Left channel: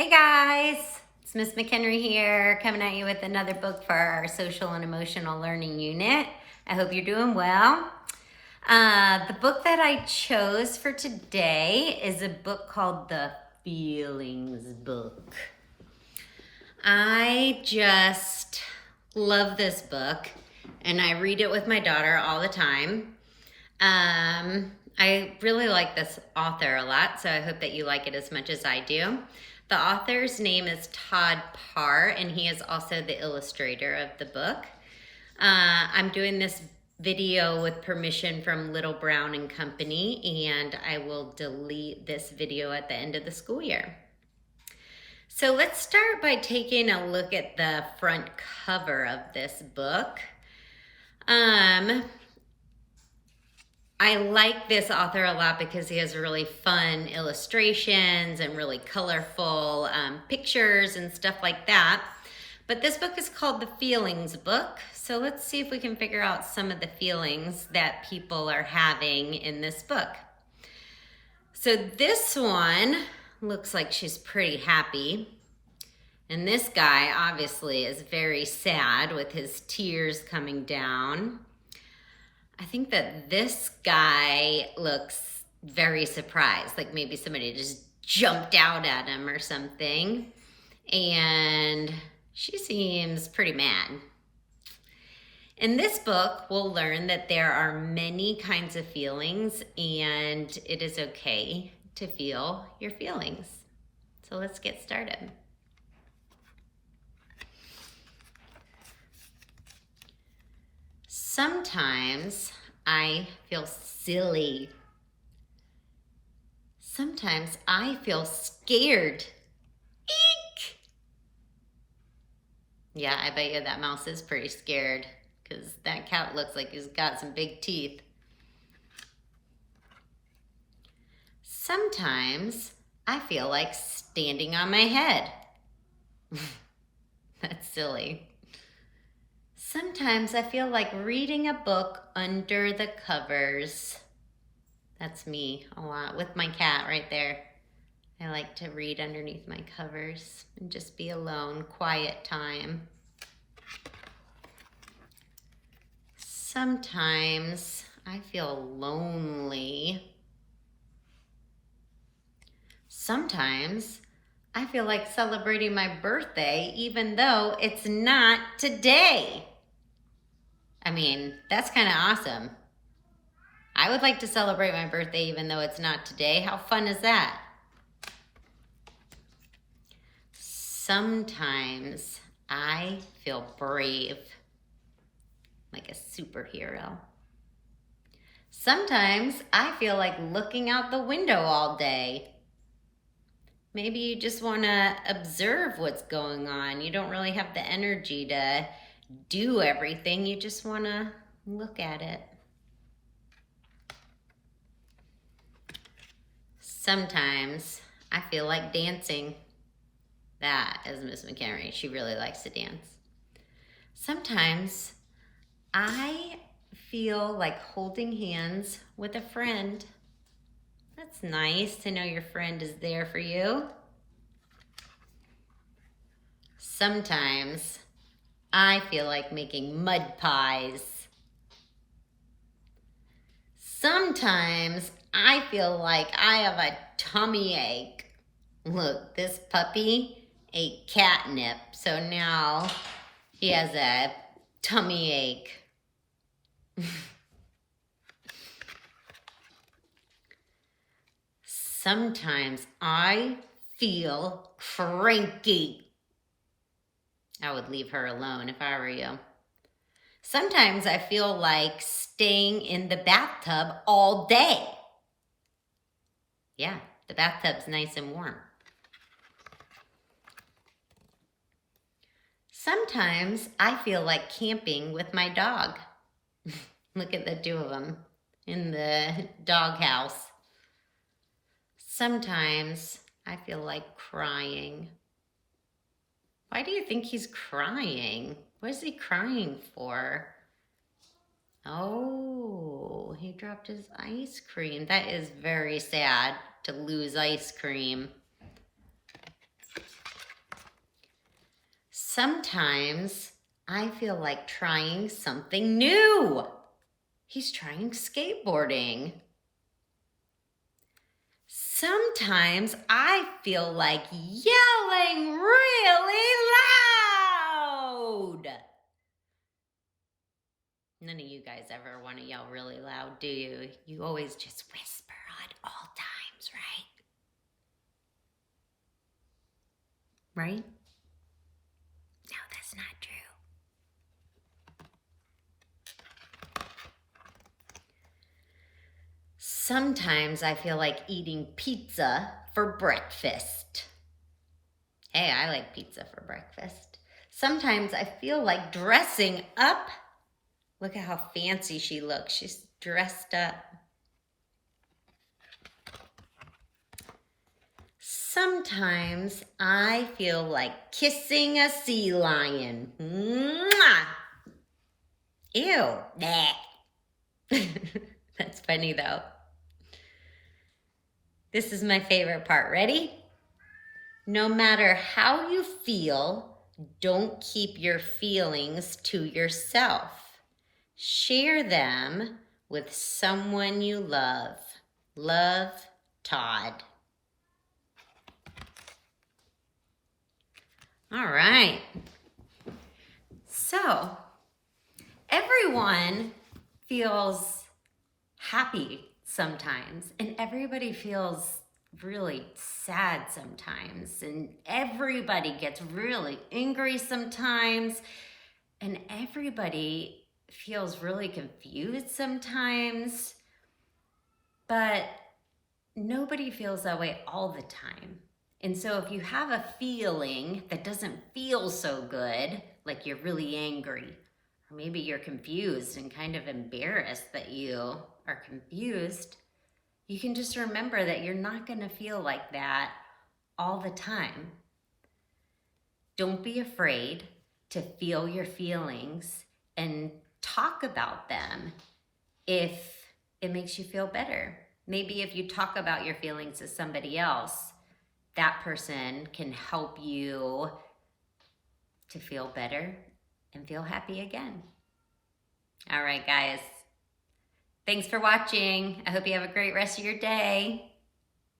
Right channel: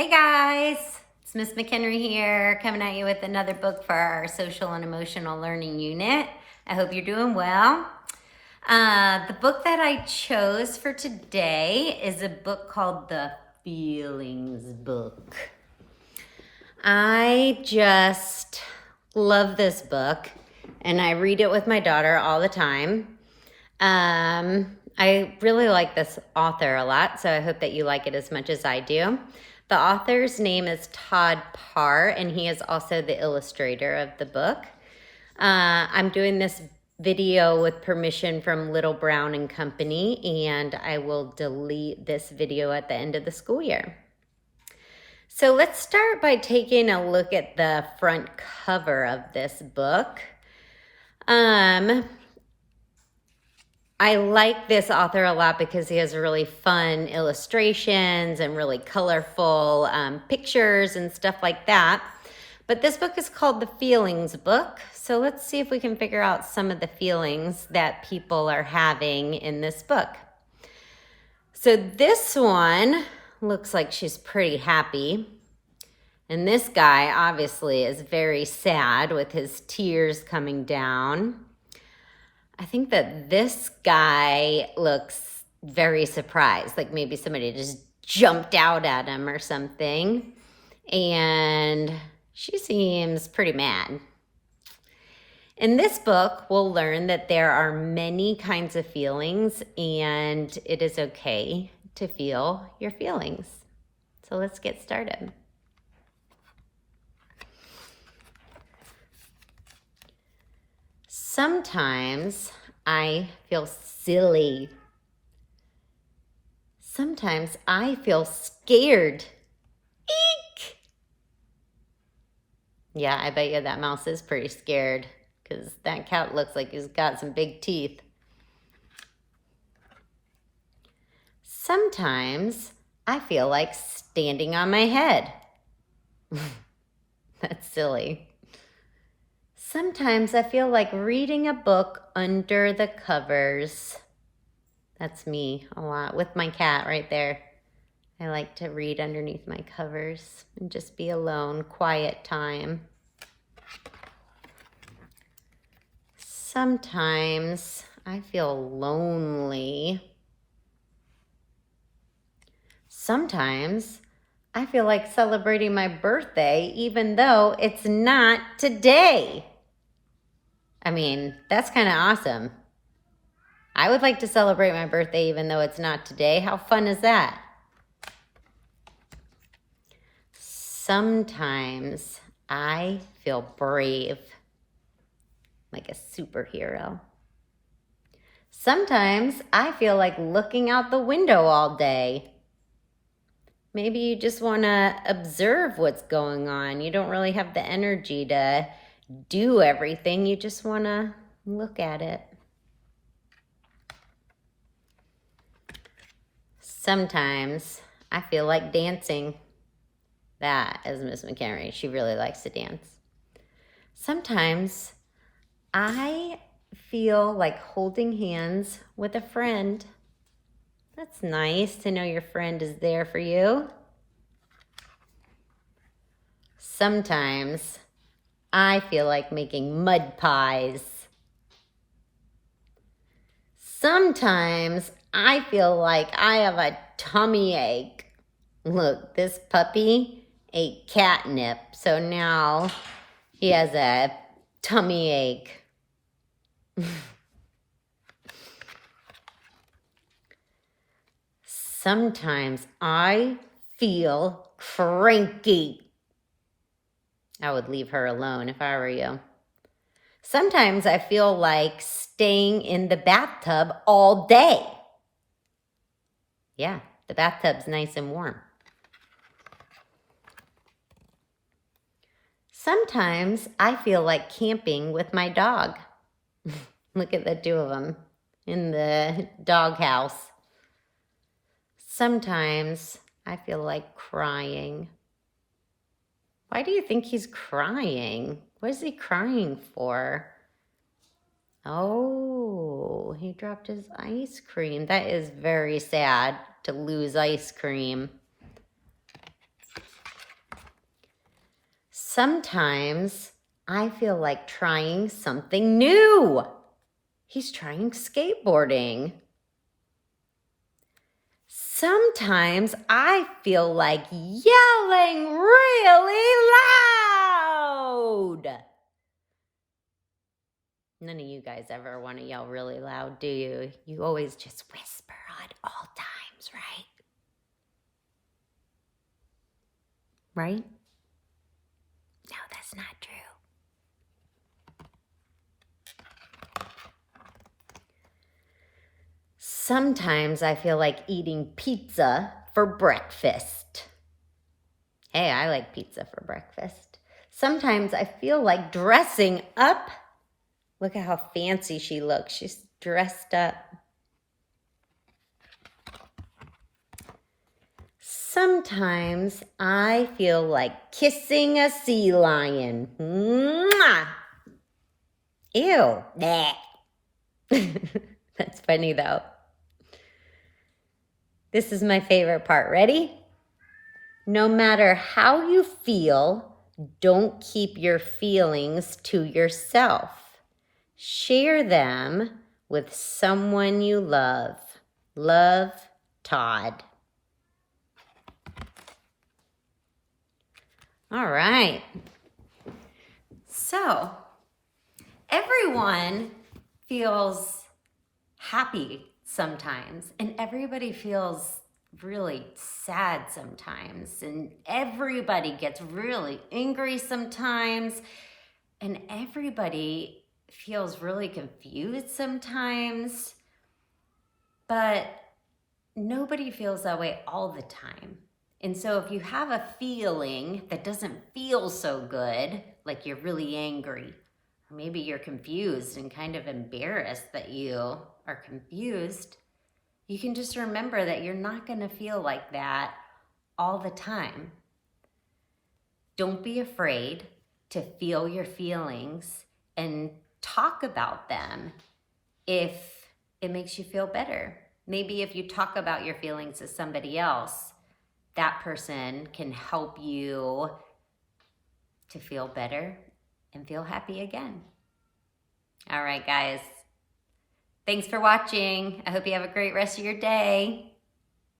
Hey guys, it's Miss McHenry here, coming at you with another book for our social and emotional learning unit. I hope you're doing well. The book that I chose for today is a book called The Feelings Book. I just love this book, and I read it with my daughter all the time. I really like this author a lot, so I hope that you like it as much as I do. The author's name is Todd Parr, and he is also the illustrator of the book. I'm doing this video with permission from Little Brown and Company, and I will delete this video at the end of the school year. So let's start by taking a look at the front cover of this book. I like this author a lot because he has really fun illustrations and really colorful pictures and stuff like that. But this book is called The Feelings Book. So let's see if we can figure out some of the feelings that people are having in this book. So this one looks like she's pretty happy. And this guy obviously is very sad with his tears coming down. I think that this guy looks very surprised, like maybe somebody just jumped out at him or something. And she seems pretty mad. In this book, we'll learn that there are many kinds of feelings, and it is okay to feel your feelings. So let's get started. Sometimes I feel silly. Sometimes I feel scared. Eek! Yeah, I bet you that mouse is pretty scared because that cat looks like he's got some big teeth. Sometimes I feel like standing on my head. That's silly. Sometimes I feel like reading a book under the covers. That's me a lot with my cat right there. I like to read underneath my covers and just be alone, quiet time. Sometimes I feel lonely. Sometimes I feel like celebrating my birthday even though it's not today. I mean, that's kind of awesome. I would like to celebrate my birthday even though it's not today. How fun is that? Sometimes I feel brave, like a superhero. Sometimes I feel like looking out the window all day. Maybe you just want to observe what's going on. You don't really have the energy to do everything. You just want to look at it. Sometimes I feel like dancing. That is Miss McHenry. She really likes to dance. Sometimes I feel like holding hands with a friend. That's nice to know your friend is there for you. Sometimes I feel like making mud pies. Sometimes I feel like I have a tummy ache. Look, this puppy ate catnip, so now he has a tummy ache. Sometimes I feel cranky. I would leave her alone if I were you. Sometimes I feel like staying in the bathtub all day. Yeah, the bathtub's nice and warm. Sometimes I feel like camping with my dog. Look at the two of them in the doghouse. Sometimes I feel like crying. Why do you think he's crying? What is he crying for? Oh, he dropped his ice cream. That is very sad to lose ice cream. Sometimes I feel like trying something new. He's trying skateboarding. Sometimes I feel like yelling really loud. None of you guys ever want to yell really loud, do you? You always just whisper at all times, right? Right? No, that's not true. Sometimes I feel like eating pizza for breakfast. Hey, I like pizza for breakfast. Sometimes I feel like dressing up. Look at how fancy she looks. She's dressed up. Sometimes I feel like kissing a sea lion. Mwah! Ew. That's funny though. This is my favorite part. Ready? No matter how you feel, don't keep your feelings to yourself. Share them with someone you love. Love, Todd. All right. So, everyone feels happy sometimes, and everybody feels really sad sometimes, and everybody gets really angry sometimes, and everybody feels really confused sometimes, but nobody feels that way all the time. And so if you have a feeling that doesn't feel so good, like you're really angry, or maybe you're confused and kind of embarrassed that you are confused, you can just remember that you're not going to feel like that all the time. Don't be afraid to feel your feelings and talk about them if it makes you feel better. Maybe if you talk about your feelings to somebody else, that person can help you to feel better and feel happy again. All right, guys. Thanks for watching. I hope you have a great rest of your day.